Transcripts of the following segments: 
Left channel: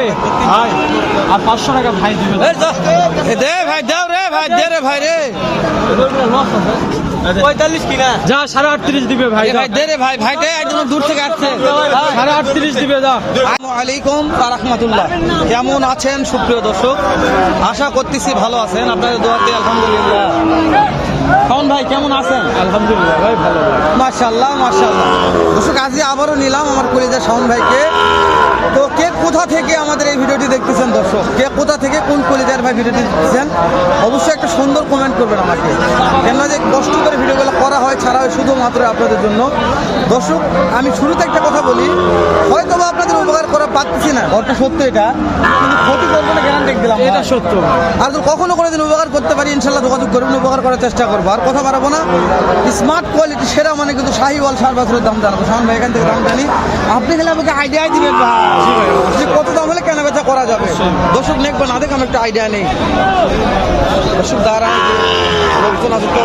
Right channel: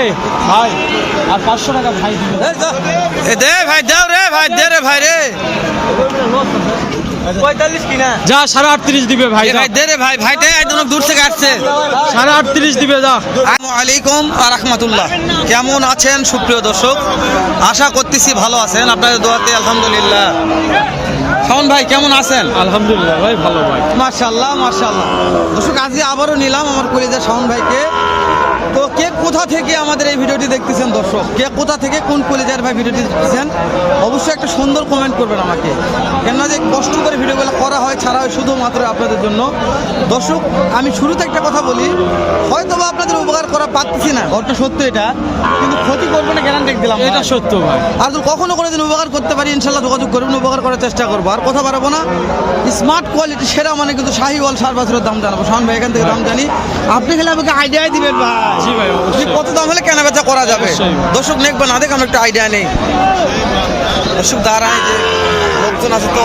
ভাই আর 500 টাকা ভাই দিবে। এ দে ভাই, দাও রে ভাই, দে রে ভাই রে। 45 কিনা যা 38.5 দিবে ভাই। ভাই দে রে ভাই, ভাইটা একদম দূর থেকে আসছে। 38.5 দিবে যা। আসসালামু আলাইকুম ওয়া রাহমাতুল্লাহ। কেমন আছেন সুপ্রিয় দর্শক? আশা করতেছি ভালো আছেন, আপনাদের দোয়াতে আলহামদুলিল্লাহ। শাওন ভাই কেমন আছেন? আলহামদুলিল্লাহ ভাই ভালো ভাই। মাশাআল্লাহ মাশাআল্লাহ। দর্শক আজকে আবারও নিলাম আমার কলিজার শাওন ভাইকে। তো কে কোথা থেকে আমাদের এই ভিডিওটি দেখতেছেন দর্শক, কে কোথা থেকে কোন কলিজার ভাই ভিডিওটি দেখতেছেন, অবশ্যই একটা সুন্দর কমেন্ট করবেন আমাকে। কেননা যে কষ্ট করে ভিডিওগুলো করা হয়, ছাড়া হয় শুধুমাত্র আপনাদের জন্য। দর্শক আমি শুরুতে একটা কথা বলি, হয়তো বা আপনাদের উপকার করা পারতেছি না, ঘরটা সত্য এটা, কিন্তু ক্ষতি করবো না গ্যারান্টি দিলাম, এটা সত্য ভাই। আর যদি কখনো কোনোদিন উপকার করতে পারি ইনশাল্লাহ যোগাযোগ করবেন, উপকার করার চেষ্টা করবো। আর কথা বাড়াবো না, স্মার্ট কোয়ালিটি সেরা মানে কিন্তু শাহিওয়াল সার বাছুরের দাম জানাবো। শাওন ভাই এখান থেকে দাম জানি, আপনি খেলে আমাকে আইডিয়াই দিবেন ভাই যে কত দাম হলে কেনা বেচা করা যাবে। দর্শক দেখবেন না, দেখ আমার একটা আইডিয়া নেই। দর্শক দাঁড়ায় যে লোকজন আছে তো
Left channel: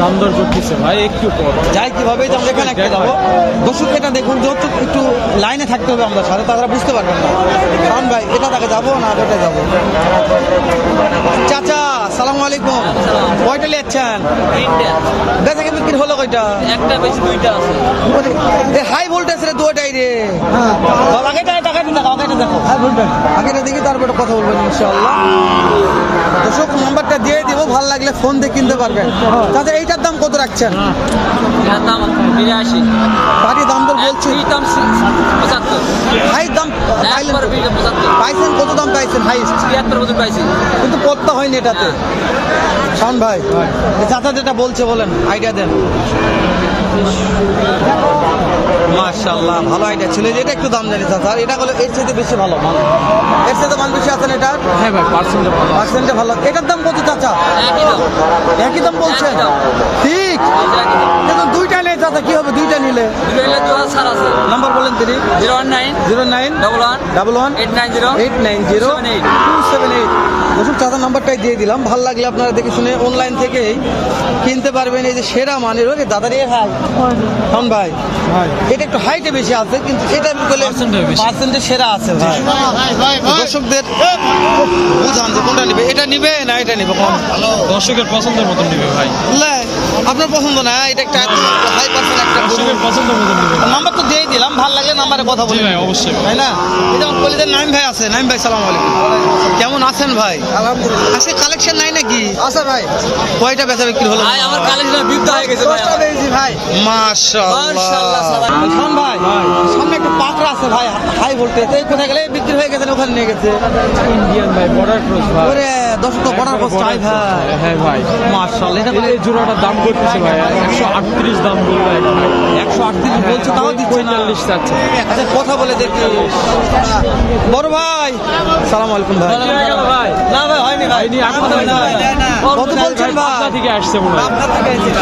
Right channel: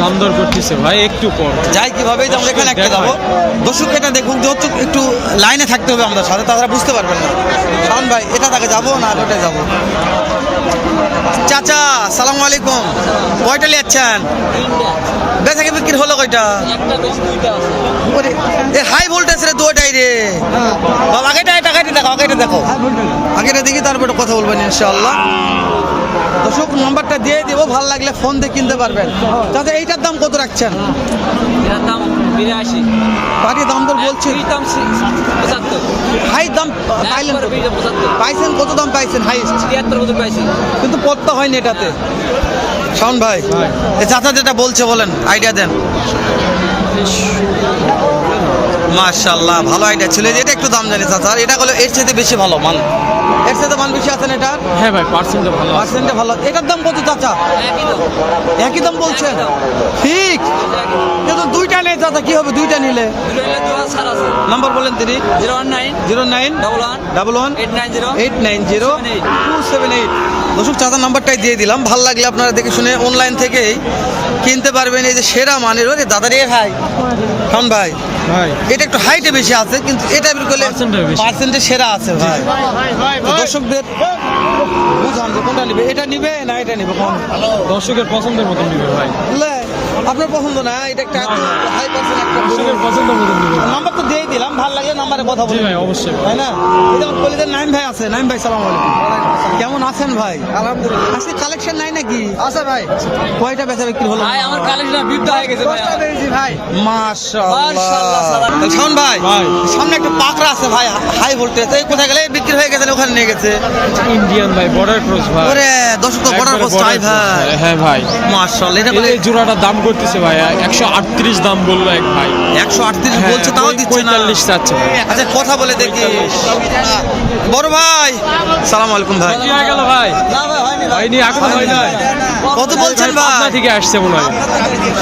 দাম দর করতেছে ভাই, একটু পর যাই কিভাবে আমরা এখানে একটা যাবো। দর্শক এটা দেখুন, যেহেতু একটু লাইনে থাকতে হবে আমাদের সাথে, তারা বুঝতে পারবেন না। শাওন ভাই এটা তাকে যাবো না ওটা যাবো। চাচা সালাম আলাইকুম, কয়টা নিয়েছেন? বেচা কি বিক্রি হলো কয়টা? একটা বেশি দুইটা আছে। ওরে এ হাই ভোল্টেজ রে দুটাই রে বাবা। আগেটা দেখো, আগেটা দেখো, আগেটা দেখি তারপরে কথা বলবেন ইনশাআল্লাহ। দর্শক নাম্বারটা দিয়ে দিব, ভালো লাগলে ফোন দিয়ে কিনতে পারবেন। তাতে এইটার দাম কত রাখছেন? এটার দাম 82। পাটি দাম দর বলছি, দুই দাম 75। হাই দাম পাইলেন একবার 75 পাইছেন, কত দাম পাইছেন হাইস্ট? 73 বছর পাইছি। কিন্তু পড়তে হয়নি এটাতে। শাওন ভাই এই চাচা যেটা বলছে বলেন, আইডিয়া দেন। মাশাআল্লাহ ভালো আইডিয়া ছিল, এটা একটু দাম জানি চাচা। এটা হলো এর চাইতে বেশি ভালো মান, এর চাইতে মান বেশি আছেন এটার। হ্যাঁ ভাই, পার্সেন্টটা ভালো। পার্সেন্টে ভালো। এটার দাম কত চাচা? একই দাম। একই দাম বলছেন? একই দাম। ঠিক, কিন্তু দুইটা নেই চাচা, কি হবে দুইটা নিলে? দুটো হলে 2000 ছাড় আছে। নাম্বার বলেন তিনি। 019 09 11 11 890 890 278। দর্শক চাচার নাম্বারটাই দিয়ে দিলাম, ভালো লাগলে আপনারা দেখে শুনে অনলাইন থেকেই কিনতে পারবেন। এই যে সেরা মানের, ওরে দাদা রে ভাই শাওন ভাই, ভাই এটা একটু হাইটে বেশি আছে, কিন্তু এটা করলে পার্সেন্টে সেরা আছে ভাই। তো দর্শকদের বুঝান যে কোনটা নিবে, এটা নিবে না এটা নিবে কোন? দর্শকের পছন্দের মতন দিবে ভাই। লে, আপনার পছন্দ না, এটা একটা এত হাই পার্সেন্ট একটা গরু। দর্শকের পছন্দের মতন দিবে। নাম্বার তো দিয়েই দিলাম, ভালো লাগলে নাম্বারে কথা বলে ভাই অবশ্যই ভাই। তাই না? এই যেমন কলিদের নাইম ভাই আছে। নাইম ভাই সালাম আলাইকুম, কেমন আছেন ভাই? আলহামদুলিল্লাহ। আজকে কালেকশন নাই নাকি? আচ্ছা ভাই, কয়টা বেচা বিক্রি হলো? ভাই আমার কালেকশন বিদ্যা হয়ে গেছে। 10টা পেয়েছি ভাই। মাশাআল্লাহ। মাশাআল্লাহ। শাওন ভাই ভাই। সামনে একটা পাকড়া আছে ভাই, হাই ভোল্টেজ, এই কোথায় গেলে বিক্রি হয়ে গেছে, ওখানে নিয়ে গেছে। ইন্ডিয়ান ভাই, বর্ডার ক্রস ভাই। ওরে দর্শক তো বর্ডার ক্রস চাই ভাই। হ্যাঁ ভাই, মাশাআল্লাহ। এটা বলে এই জোড়াটার দাম করতেছে ভাই 138 দাম বললো এক ভাই। 138 বলছে, তাও দিচ্ছে না। 45 চাচ্ছে ভাই। আচ্ছা কথা বলে দেখি। বড় ভাই সালাম আলাইকুম ভাই। কি হয়ে গেল ভাই? না ভাই হয়নি ভাই। হয়নি, এখন হয়নি ভাই। কত বলছেন ভাই? কোথা থেকে আসছে মনে হয়?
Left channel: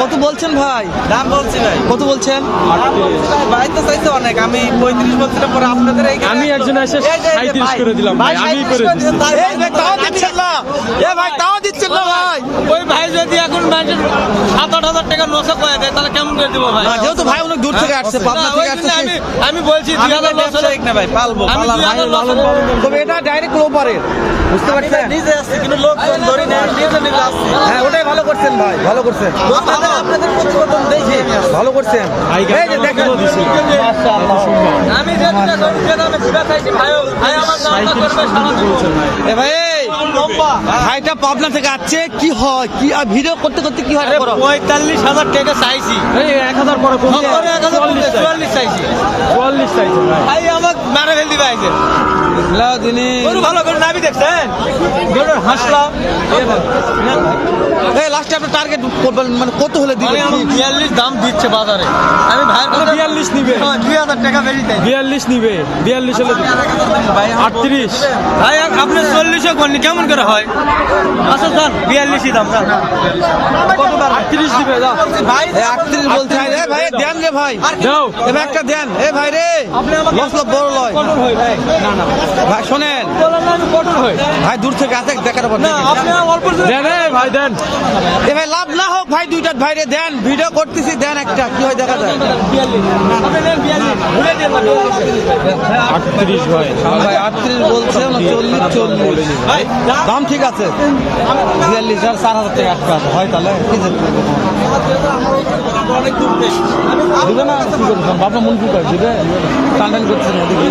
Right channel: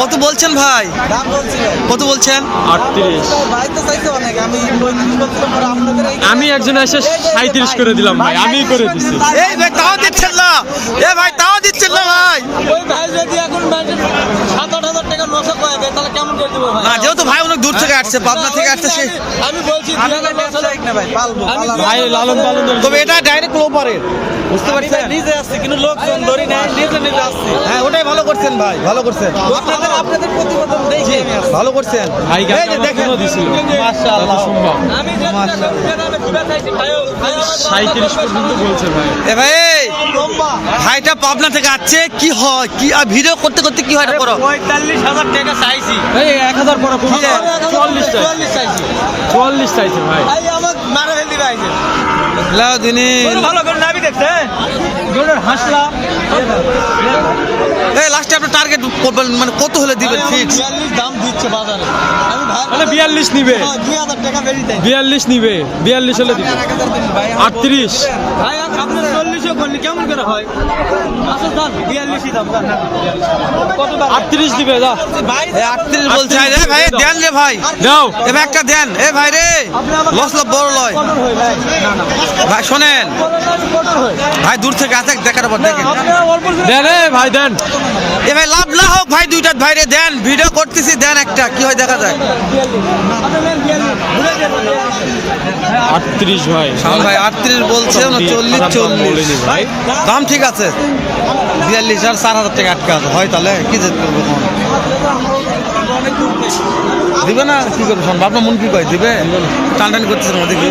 কত বলছেন ভাই? দাম বলছি ভাই। কত বলছেন? 38। ভাই তো চাইছে অনেক, আমি 35 বলছিলাম, পরে আপনাদের আমি একজন এসে 37 করে দিলাম ভাই, আমি করে দিছি। এই ভাই তাও দিচ্ছেন না, এ ভাই তাও দিচ্ছেন না ভাই। ওই ভাই যদি এখন 7-8 টাকা নশো কয়ে দেয় তাহলে কেমন করে দিব ভাই? না যেহেতু ভাই অনেক দূর থেকে আসছে, পাবনা থেকে আসছে, সে আমি বলছি 2000 লস হলে ভাই পালবো। আমি ভাই লালন পালন তবে এটা ডাইরেক্ট লো পারে, বুঝতে পারছেন? নিজে আসছি কিন্তু লোকজন ধরি নেই, নিজে নিজে আসছি। হ্যাঁ ওটাই ভালো করছেন ভাই, ভালো করছেন, আপনাদের প্রতিবেদন দেখি ভালো করছেন। ভাই এই যে দেখেন দিছি। মাশাআল্লাহ। আমি যে দুটা করি যে দামে দিবা চাইছি ভাই, ভাই আমার দাম 37 পর্যন্ত বলছে ভাই। এ ভাই লম্বা ভাইটা পাবনা থেকে আসছে, কি হয় কি আর ভিডিও করতে করতে কি হয় এটা করো। 45,000 টাকা চাইছি। এই 1000 পরে কি রে? 44 চাইছি। 44 চাইছে ভাই। ভাই আমার মারা ফেলতে পাইছে। লাও দিনি ভালো করে নাবি দেখছেন? গরুর হাসলা। এই লাস্টে আপনার টার্গেট করবেন, মানে কত হলে দিবেন ফিক্স? 42 দাম দিচ্ছে বাজারে। আমি ভাই মানে 42 নিবে। 2000 টাকা বেশি চাই। 42 নিবে, 42 হলে দিবে। 38। ভাই আপনি 40 কোন কেমন করে হয়? আচ্ছা দাম 42 দাম দাম। কত দাম? 38 দিবে যা। ভাই এই 38 বলছে। এ ভাই দেন রে ভাই, দাও। এ ভাই একটা দেন। এ ভাই রে লস লাভ বড় লয় ভাই না না ভাই, শোনেন ভাই দূর থেকে আসে দেখার পর দেখেন। দেন ভাই দেন। এ ভাই লাভ না হোক ভাই, দুইটা ভাইরে দেন, ভিডিও করতেছি, দেন একটা কি হয় দেখা যায়। 38 ভাই। শাওন ভাই 38 বলছে, 39 ভাই দাম ঠিক আছে। 42 আর 4000 টাকা আটকা আছে, হয় তাহলে কি জেদ করবো কোন দিবে না, কি করবো আপনার মন কি কয় দিবে? টানটানি করতেছেন ওদিকে।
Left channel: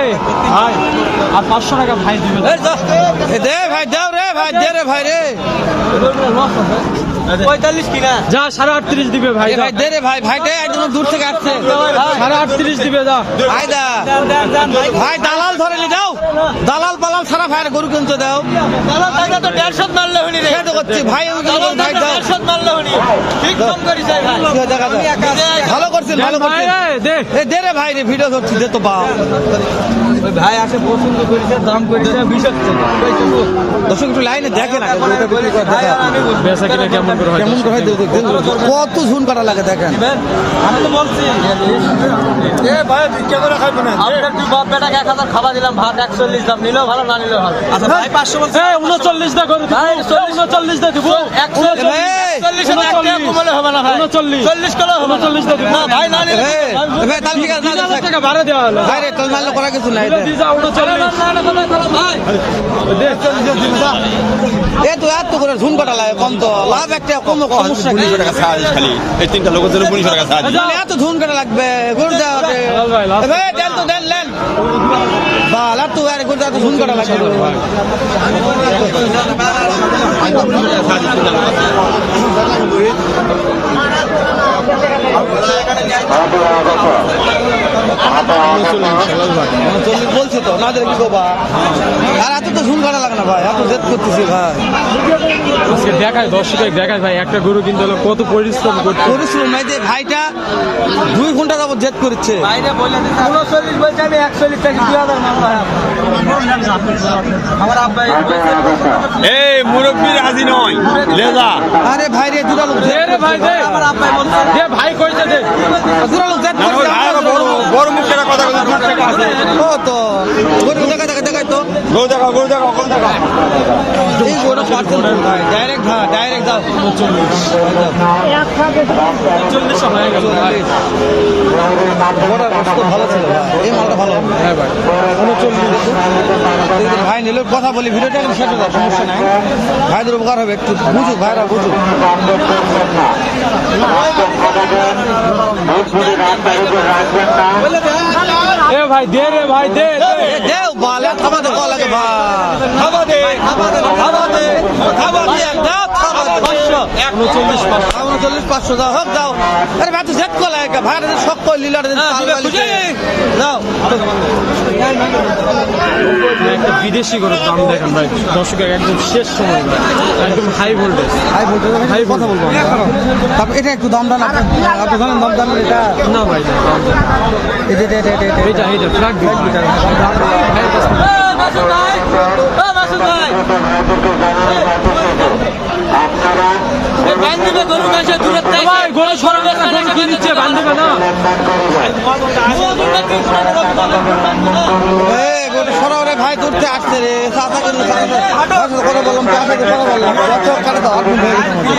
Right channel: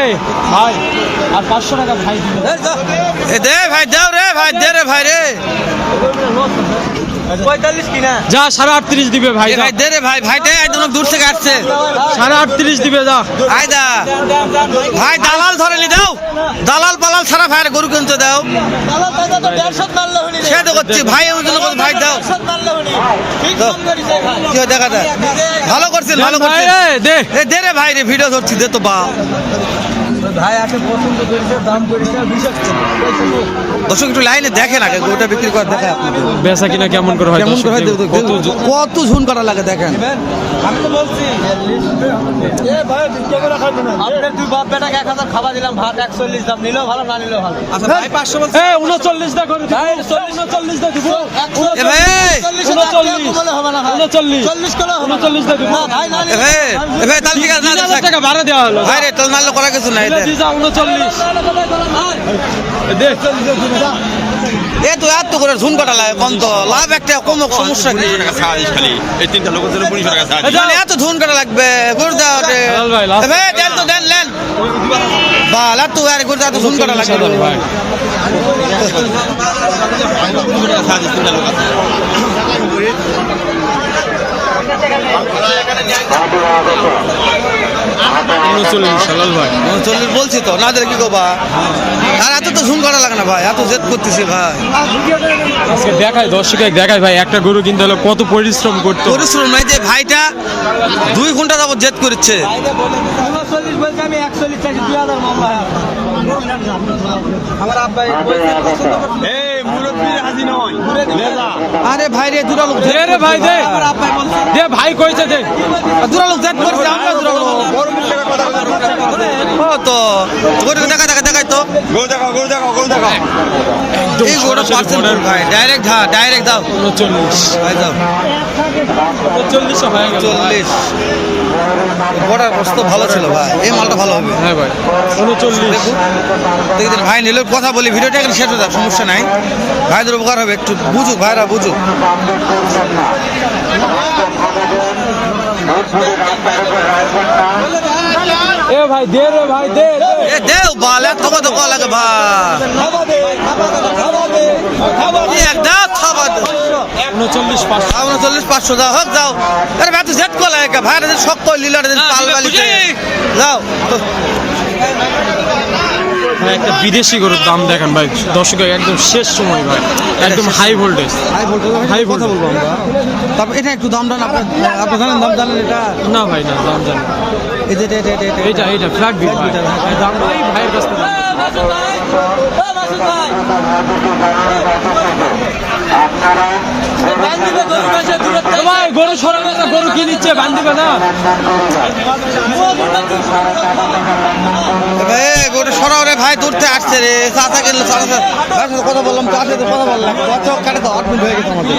এই ভাই আর 500 টাকা ভাই দিবে। এ দে ভাই, দাও রে ভাই, দে রে ভাই রে। 45 কিনা যা 38.5 দিবে ভাই। এ ভাই দে রে ভাই, ভাইটা একদম দূর থেকে আসছে। 38.5 দিবে যা। আয়দা ভাই, দালাল ধরে নি দাও, দালাল পালাল সারা ভাইয়ের গরু কিনতে দাও। দাদা দাদা তো 150 মারলে হনি রে। সে তো করছি ভাই, ওই জন্য বলছি, ভাই দাও 150 মারলে হনি। ঠিক কম করিস ভাই। কি হয় দেখা যায়। ভালো করছেন, ভালো করছেন। দে এ দে রে ভাই রে, ভিডিও ধরছি, দে তো বা। ভাই আপনি পছন্দ করেছে, দাম কইছে 20 দর্শক একটু লাইনে দেখেন আগে, গরুটা বিক্রি করে দেখেন আপনি বেচা কিনা কেমন করে হয়? কেমন করে হয়, কত ঝুন করা লাগে দেখেন। আমি তো বলছি এ ভাই ভিক্ষা করে খাইবো না। আপনার দুই বাপ বেটাকে 1000 খাবার দিলাম, ভাত 41 দাম, নিলেও ভালো না নিলেও ভালো। আচ্ছা ভাই 500 বলছি। এই 39 দা করে ভাই, 39 দা দিব। এ ভাই, 40 এর একটা কমালে হবে না ভাই। 40 করে হবে না। 39 দা দিব। না ভাই না এ ভাই, এ ভাই তাহলে ঠিক আছে, না দে থাক। টাকা ভাড়া দেওয়া হলো। ভাই রে তাহলে নাহলে করা কিছু নাই দে। দিজা 39 দে। এ তো এত করে ঝুন কাটা লাগে, কম তো লাভ একটা, কম সমস্যা কি? মানে এত ঝুন কাটা লাগবে গরু দাও রে। এ ভাই দেন তো, দেন লেন বাল, এত আর গরু দাও, এত ঝুন কাটা লাগবে। চল্লিশ বলছি তো, না দিলে কি করবা? আর এত তো ঝুন করা লাগে না ভাই, এত জেদ করতেছি ভাই। আজকে দেখায় দর্শকে দেখায় ভাই, একটা গরু কিনতে হলে কত পরিশ্রম করতে। পরিশ্রম নাই যে ভাইটা 2 ঘন্টা যাবত জেদ করছে। 39 বলছি, আমি 41 চাইছি, 2000 মামলা হয় আমার আব্বা এই মুরব্বী রাজি নয় লেজা আরে ভাই রে, দুটা লোক দে রে ভাই দে। দে ভাই কইছে দে। দুটা লোক জেদ করছে, আমরা দুটা লোক। গরু মুখ করে কথা ও তো গরু দেখা দেখা দেখাই তো, গরু দেখাও গরু দেখাও গরু দেখাও এই গরু পার্সেন্ট ভাই, ডাইরেক্ট দাও 39 ভাই দাও 40 ভাই। 40 বড়ার বস্তু ভালো ছিল ভাই, এই মালটা ভালো হবে। হ্যাঁ ভাই 39 দেখুন দেখি ভাই নিলে কথা বলি, ভিডিওটা এখানে শেষ হয়ে যাক, সমস্যা নাই। ভাইদের উপকার হবে, একটু বুঝুক ভাইরা, বুঝুক। এ ভাই দে রে ভাই দে। এ দেও বাল, এত কথা কল লাগে ভাই। কি এক দাও, খাবা দাও। 39 39 500 দাও, হোক যাও। আরে ভাই তো জেদ কল লাগে ভাই, শখ কই লিলার পাল বালি যাও। একটা বিদেশি গরুর দাম দেখেন ভাই দর্শক, একদম শেষ সময় ভাই, একদম হাই ভোল্টেজ। হাই ভোল্টেজ ভাই, কথা বলবো আমরা। তারপর এটা একটু দাম দান, আপনি জানেন দাম জানেন এটা? না ভাই না দাম জানি। এই যে এইটা ফ্ল্যাট ফ্ল্যাট বিটার দাম গরু সরকার গরু কি নিচ্ছে বান্ধবে না। গোটা সরাও রে ভাই, দূরতে আসছে রে, চাচা কিনলো, চাচা কথা বললাম, চাচাকে কথা বললাম, কাটে তো 8 মিনিট হয়ে গেছে আমাদের।